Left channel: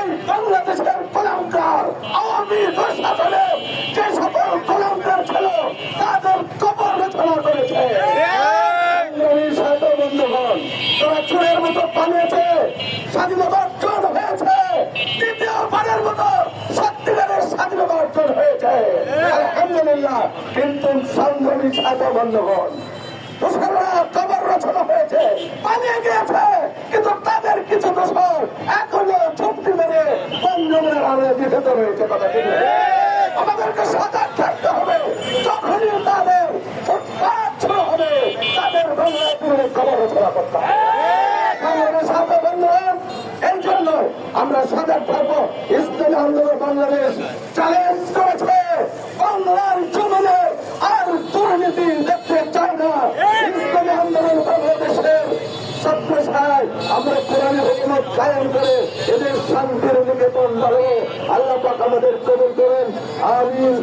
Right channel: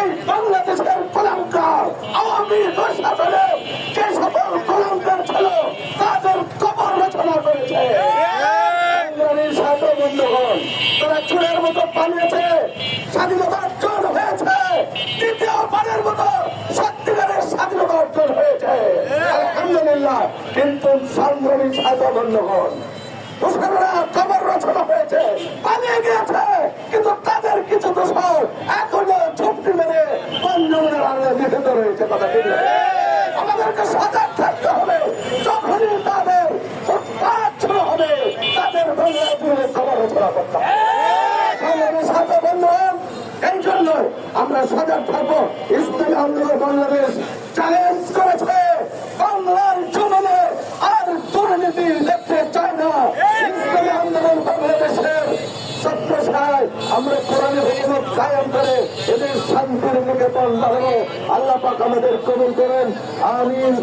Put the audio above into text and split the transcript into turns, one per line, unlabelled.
এই বাংলাদেশের কলঙ্কার আওয়ামী প্রশাসনে যে সকল কলঙ্কার ছিল তাদের কবর রচনা করেছে। বন্ধুগণ, তারা চুরের মতো পালিয়েছে স্বাধীনতা অর্জন হয়েছে দ্বিতীয়বারের মতো সত্যিকারের স্বাধীনতা অর্জন হয়েছে। আলহামদুলিল্লাহ কিন্তু সংগ্রামী সাথী বন্ধুগণ মুসলমানরা কবর রচনা হয়েছে পালিয়ে গিয়েছে কিন্তু পঞ্জমের রয়েছে কথা ঠিক? আমাদেরকে সজাগ থাকতে হবে। যখনই তাদের হবে, তাদের খবর এই জন্য আমরা সজাগ থাকব। ইসলামী আন্দোলন বাংলাদেশ চ্যালেঞ্জ করেছে। বাংলার আর দুর্নীতি দেখতে চাই না। ইসলামী আন্দোলন বাংলাদেশের সত্যসায় আমরা কোরআনে হুকুমত কায়েম করে শান্তির নিকেতন বাড়াবো আল্লাহ পাক আমাদের কবুল করেন। আমিন।